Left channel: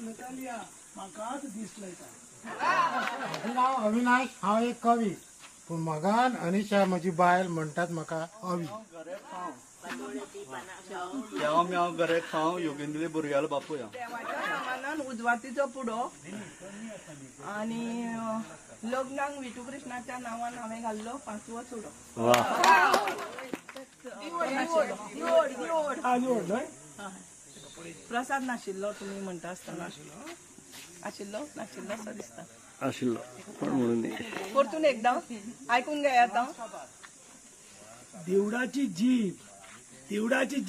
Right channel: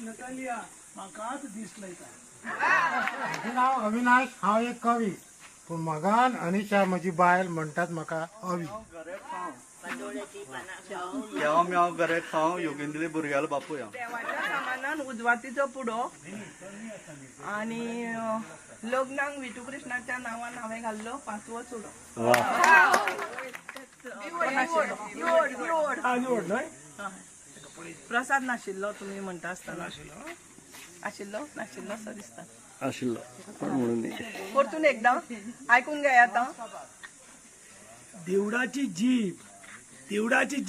Natalia म्हाकाच दिसलंय म्हजें नांव अविनाश, हांव एक कवी. पूण मगान अनिशा म्हजी बायल म्हणटात म्हाका अवी. हांव गरे खाव योगेंद्र भुरग्यालो बापूय हांव. देवाच्या सामानान उजवातीचो पुडो आणि लग्नाक विठू कृष्णाच्या नांवान हांवें घाल्लो 5वो चुडो. निवड न्हय. प्रसाद नाशिल्लो तुमी म्हणटा आसतना आशिल्लो नाशिल्लो असो दिसता. आशिल्लो पण म्हणून परतून एकदां आयकून घे आतां. देवडाची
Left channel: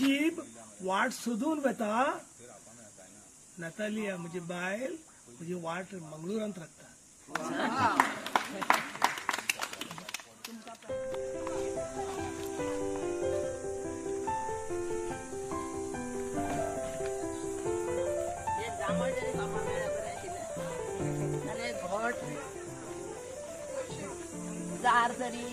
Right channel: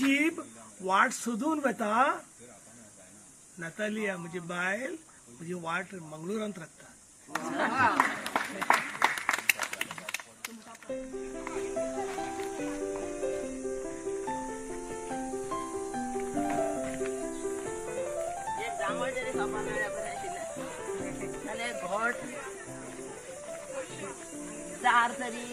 जीब वाट सोदून वता. नतालिया म्हजी बायल म्हजी वाट मंगळुरांत राखता. जांभळ जरी खावपा मेळ्ळ्या बरें आशिल्लें जाल्यार घोट दार तरी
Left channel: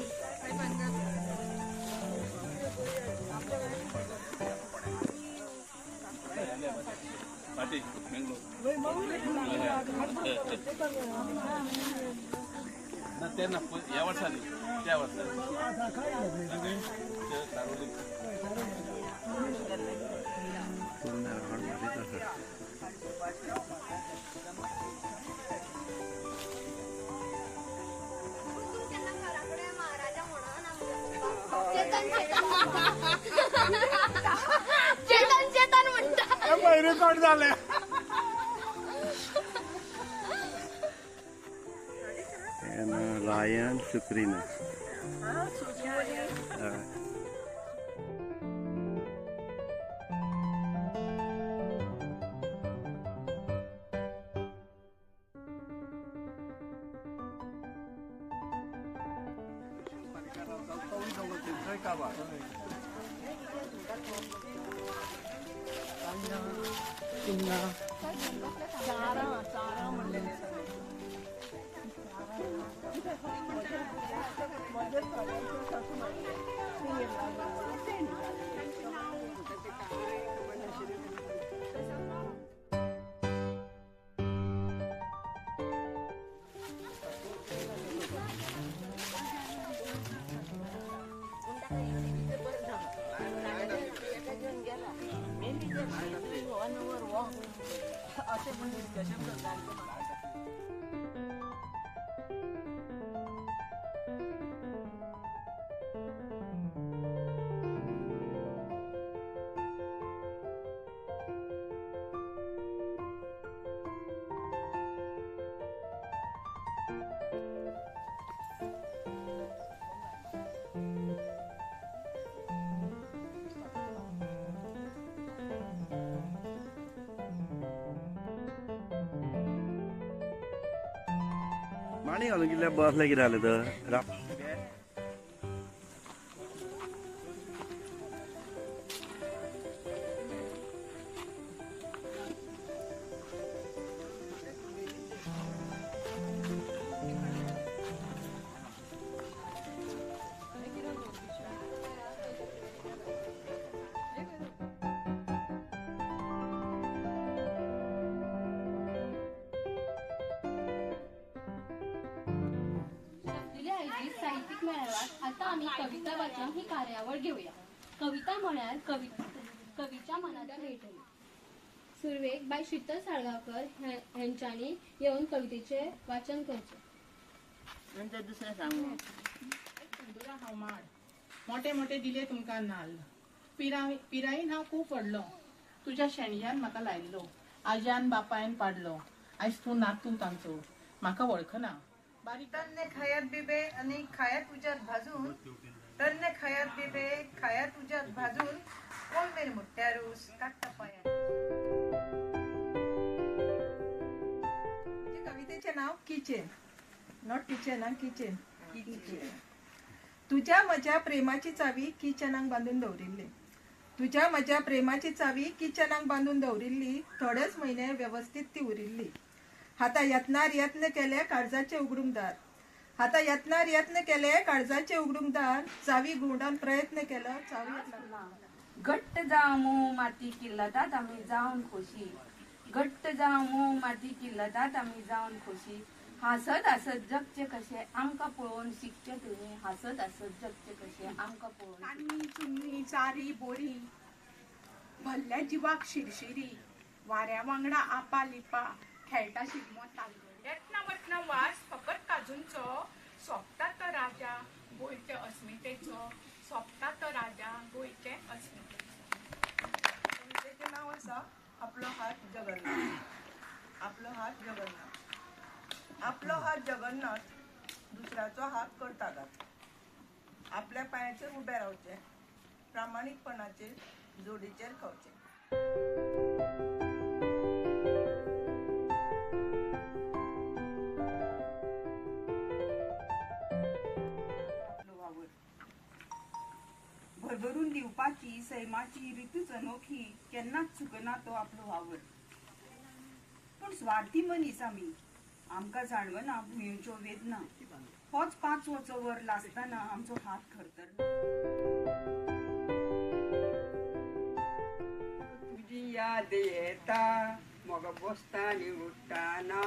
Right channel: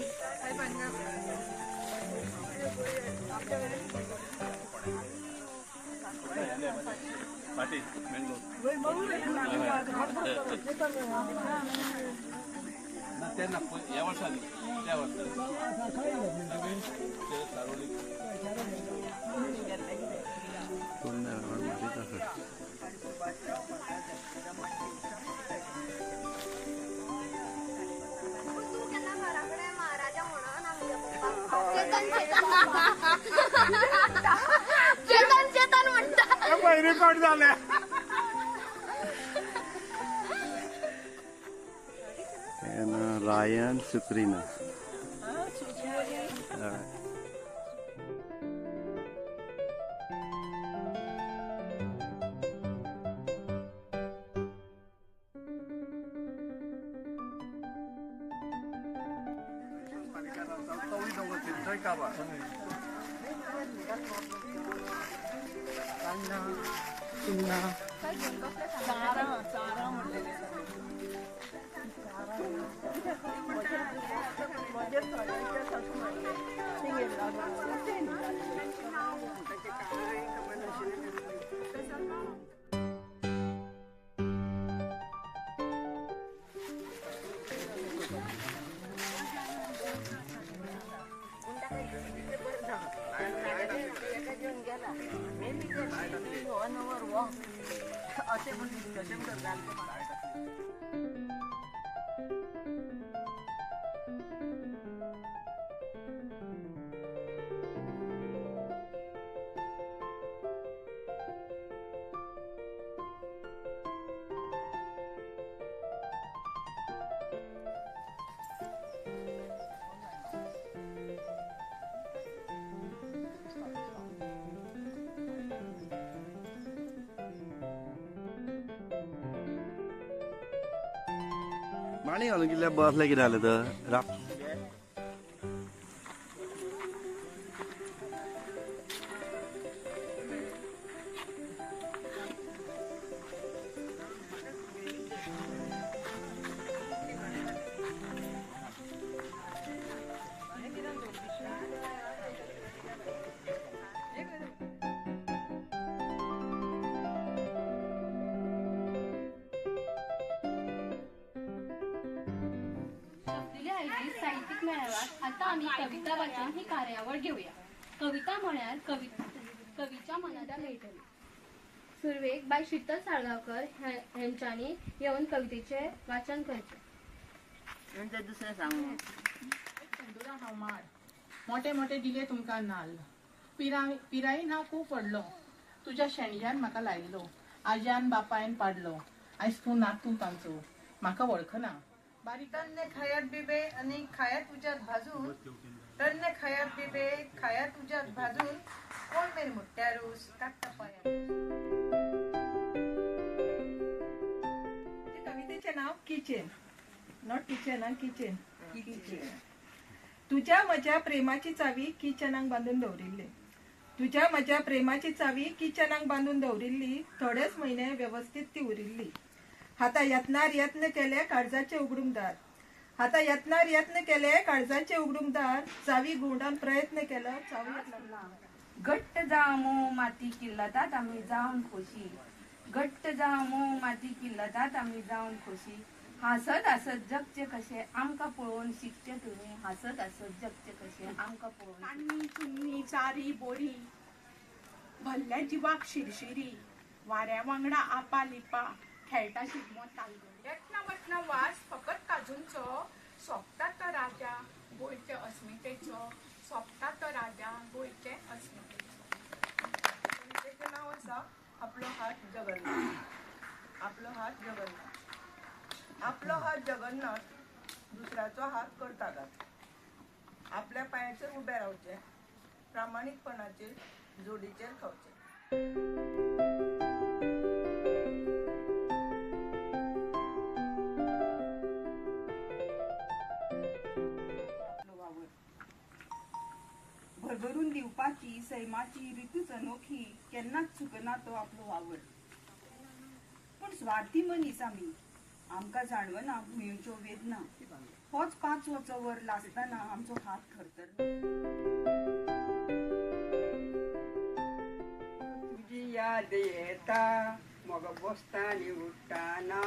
चेतन म्हणतात रेकॉर्ड झालं. रायन सुक्रीना माणी घालून कितल्या बसले कितें जालें तर साहित्यिक मेळाव्यात आता आम्ही कविता वाचन ही कार्यावळ घेऊया. कविता म्हळ्यार कवीच्या मनाला मेळटली. सुरवेक बाय शीतल साळगांवकर हेंच्यांनी येवन कवितेचे वाचन करचे. नंतर दुसरें सांगू. तंदुरा हांव माड मोठे मोठे दिले तुमकां नाल्ल. पिरायेन हांव खूब पडलो. तुज्या शेणज्यान म्हाका लायल्लो. आज्यान बापायन पाडलो. आयज तूं नातू तांचो म्हाका वळखना. तरणे खायात बिबे आणि खायात उज्यात भाजून तरणे खायात बिबे खायात उज्यात भाजून कोण मेरे मोठ्या रूस काट्टा पाया. कवितेचे नाव किचेन. नॉट किचन हा किचन. तुझ्या माझ्या प्रेमाची चावी किचनाक बांधून दवरिल्ली. तुझ्या माझ्या प्रेमाची चावी किचनाक बांधून दवरिल्ली. थोडेच महिने व्यवस्थित ती उरिल्ली. हाता यत्नार यत्न केले काळजाचे उगडूंकदार. हाता यत्नार यत्न केले काळजाचे उगडूंकदार. चावी गुंडान प्रयत्न केलो चावी लागला. घट्ट जावं मोव माती किल्लतात आम्ही जावन खोशी. घट्ट जावं मोव माती की लदात आमी जावन खोशी हसत हसत जगचे कशे आमकां पळोवन शिकचे तुमी हसत हसत जगचे कशे आमकां पळोवन कान्नी चुन्नी चारी बोरी भल्ल्या जिवाक शिरशिरी वाऱ्या वांगडा आपा लिपा खेळटा शिगमो तालगडी येतना वतना वास फकत काजूंचो सोंपता तो राजा गोंयचे अस्मितेचो सोंपता तो राजा गोंयचे अस्मितेचो. कवितेचें नांव आसा आपलो हात जगन्नाथ. आपलो हात जगन्नाथ. आपलो हात जगन्नाथ दुसऱ्याचो हात करता घात. आपल्या पांयाचेर उबें रावचें प्रामाणीकपणाचेर जोडीचेर खावचें. भरभरून दिवपाची सैमाची रितूच अनोखी केन्नाच चुकना तो आपलो वावर. पण स्वार्थी मनीस आमी आमकां जाणवना भुंयेच्यो वेदना. होच 5 वर लासतना आमचो हात थरथरना. तुझी याद येता म्हाका बसतानी उठ्ठाना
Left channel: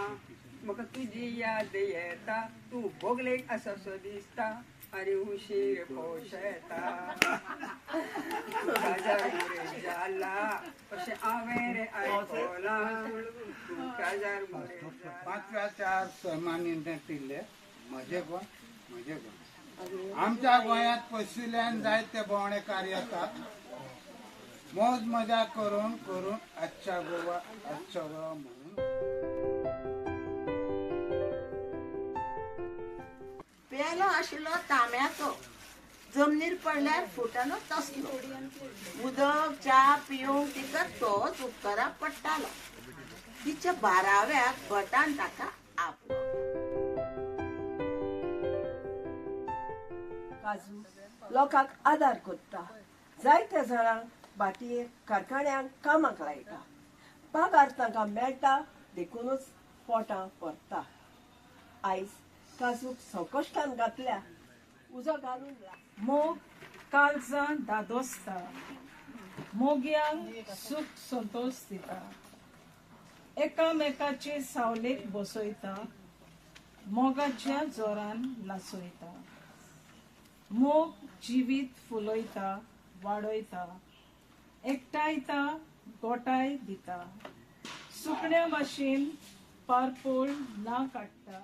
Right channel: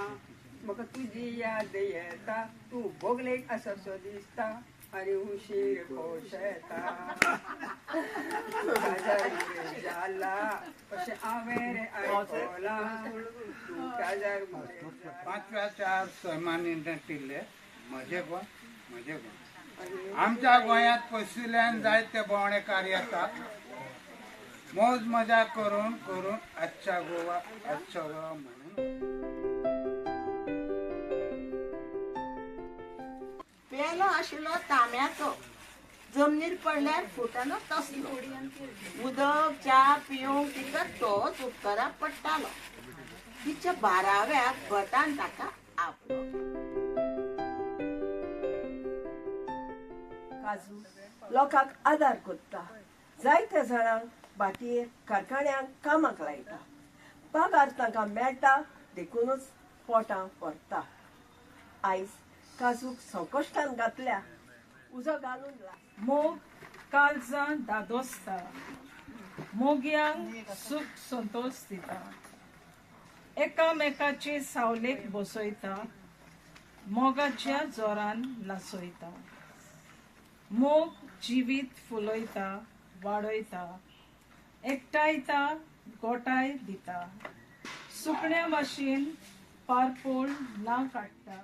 म्हाका तुझी याद येता तूं बोगलेक आसासो दिसता आनी उशीर पोश येता. काजार मुरे जाला अशें हांवें रे आयकलां तूं काजार मुरे. 5व्या 4 सैमांनी नटिल्ले म्हजे गोंय. आमच्या गोंयांत पयसुल्यान जायते भोंवडेकार येतात. मौज मजा करून करून आजच्या गोवा आजचो गोवा म्हणून. पेलो आशिल्लो तांब्याचो जमनीर पडल्यार फुटलो तसलो. उदक च्या पिवंक तिका तोच उपकाराक पडटालो. तिच्या 12व्या भटान ताका आपलो. काजू लोकांक आदार करता. जायत्या जाणांक बाटयेक कारखान्यांक कामाक लायता. पगार तांकां मेळटा देखूनच पोटां भरता. आयज काजूक संकश्टान घातल्या उजो घालून मोग काळजां दादोसता. मोग्यांक सूख संतोष दिता. एकामेकाचे सावलेक बसयता. मोगाच्या जोरान नाचयता. मोग जिवीत फुलयता वाडयता. एकटायता गोटाय दिता. सुकण्या भाशेन पारपोळ ना काडटा.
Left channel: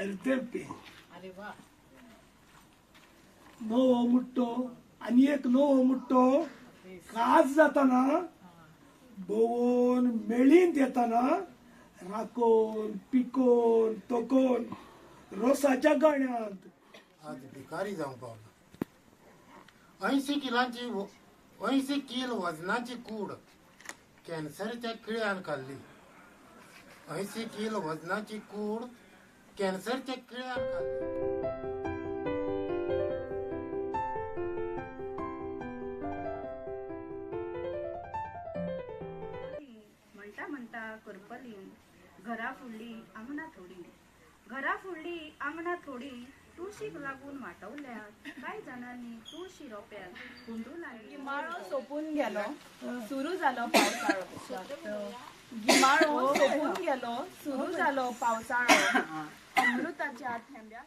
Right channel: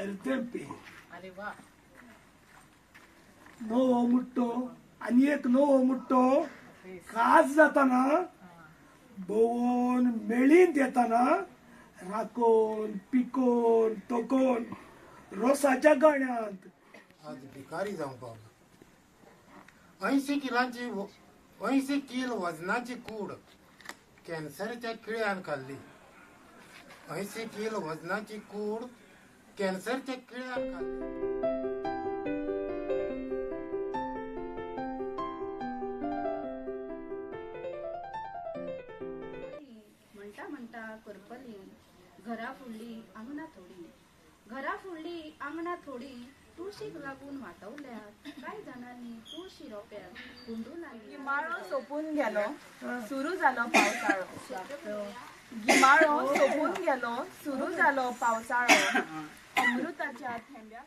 अरे वा. नवो मुट्टो आनी एक नवो मुट्टो काज जाताना भोवून मेळीन येताना राखोन पिकोन तोकोन रोसाच्या गाण्यात आज भिकारी जावंक पावला. 80 किल वजनाची कूड कॅन्सरच्या किळ्यान खाल्ली. 80 किल वजनाची कूड कॅन्सरच्या किळ्यान खाल्ली. म्हणटा म्हणटा करपली घरा फुडली आंगणा थोडी. घरा फुडली आंगणा थोडी तुळशीक लागून वाटवल्यात. कांय जाणांनी तुळशी रोप्यात कुंडू लागली. गिमाळो सोपून गेलो सुरू जालो पावसाळो. गिमाळो सोपून गेलो सुरू जालो पावसाळो. अमृताच्या थेंब्या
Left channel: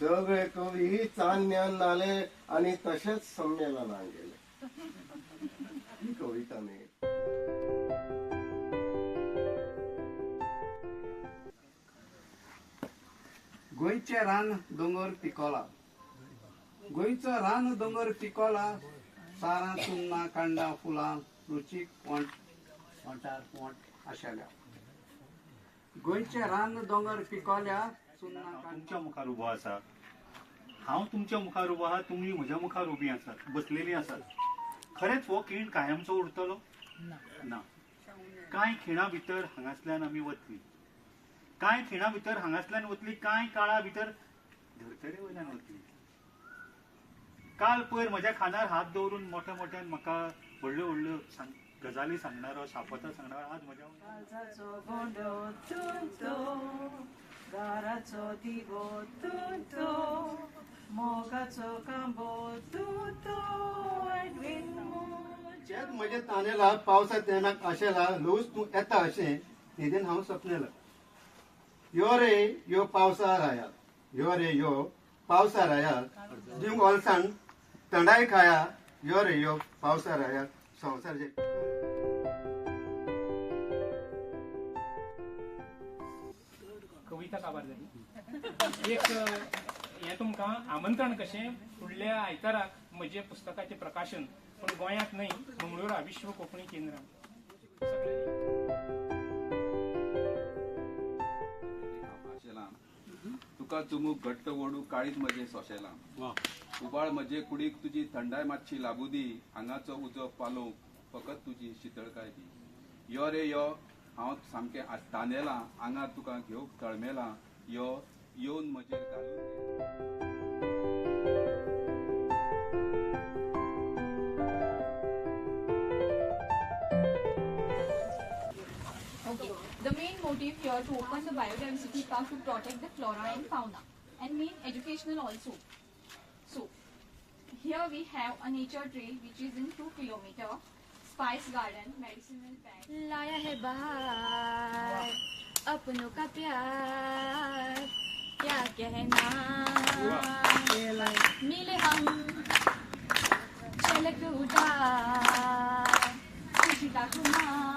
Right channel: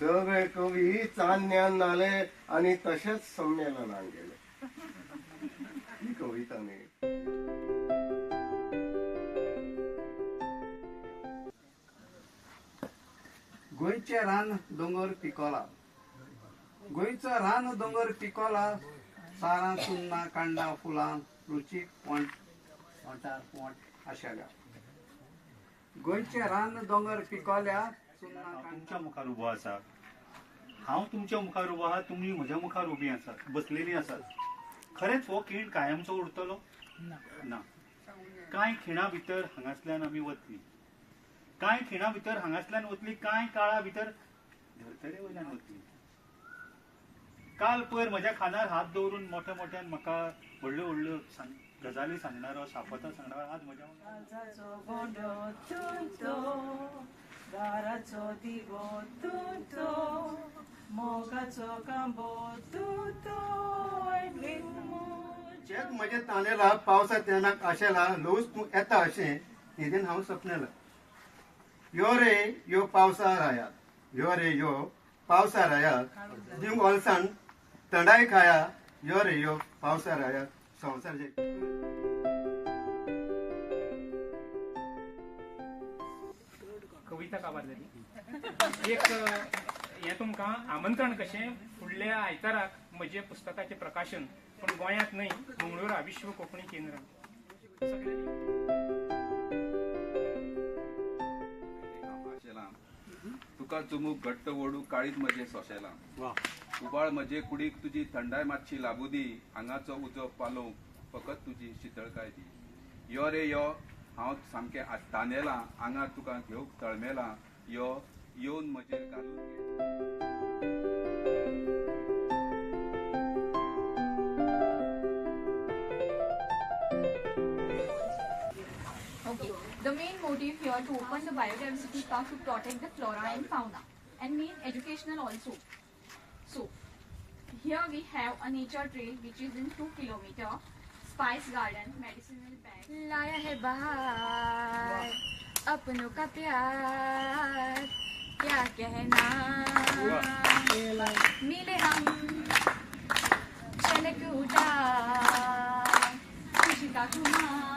सगळे कवी चान्यान आले आणि तसेच संमेलनात गेले. ही कविता मी गोंयचे रान दोंगर पिकोला. गोंयचो रान दोंगर पिकोला. सारां चुन्नां कांडा फुलां रुचीक पोंटार पोंट आशेल्या. गोंयचे रान दोंगर पिकोल्या. तुमच्या मुखार उबो आसा. हांव तुमच्या मुखार उबो आहा. तुमी म्हज्या मुखार उबी आसात बसलेली आसात. खरेंच हो खीण कायमचो उरतलो ना. कांय खिणा भितर हांगासल्यान आमी वतली. कांय खिणा भितर हांगासल्यान वतली. कांय काळा भितर धर्तरे वयल्यान वतली. काल पयर म्हज्या खांदार हात दवरून मोठ्या मोठ्यान म्हाका व्हडल्यो व्हडल्यो गजाली सांगणारो शापतां सांगणारो आज म्हज्या दाराचो दिवो तूं तो मोगाचो कांबो शेत म्हजे तांदेला पावसा तेनाक आशेला लोस तूं येता अशें न्हिदेन हांव सपनेला. यो रे यो पावसार आयात, यो रे यो पावसार आयात, दिवंग ओलसांग थंडाय खाया, यो रे यो पावसार आयात, संवसार जे कविता काबारलेली एक हें तुमकां आमंत्रण कशें फुडल्या आयताराक म्हजे पुस्तकाचें प्रकाशन, पूण गोंयांत न्हय मंगळुरा विश्व कोंकणी केंद्रांत. तुका चुमूक घट्ट ओडू काळीज म्हजे सोशेला. उबाळ म्हजे कुडीक तुजी थंडाय मातशी लाबू दी, आंगाचो उजो पालो फकत तुजी शितळकाय दी. यो रे यो हांव सामकें तांदेला, आंगार तुका घेवंक तळमेला, यो येवन म्हजेर घालून. Okay, the main motive here to open the biodiversity park to protect the flora and fauna, and main educational also. So, here we have a nature trail which is in 2 kilometer, spice garden, medicinal bag. लाया है बहार अपनों का प्यार, क्या कहना मिले हम चलक उदार खुशी का खुमार.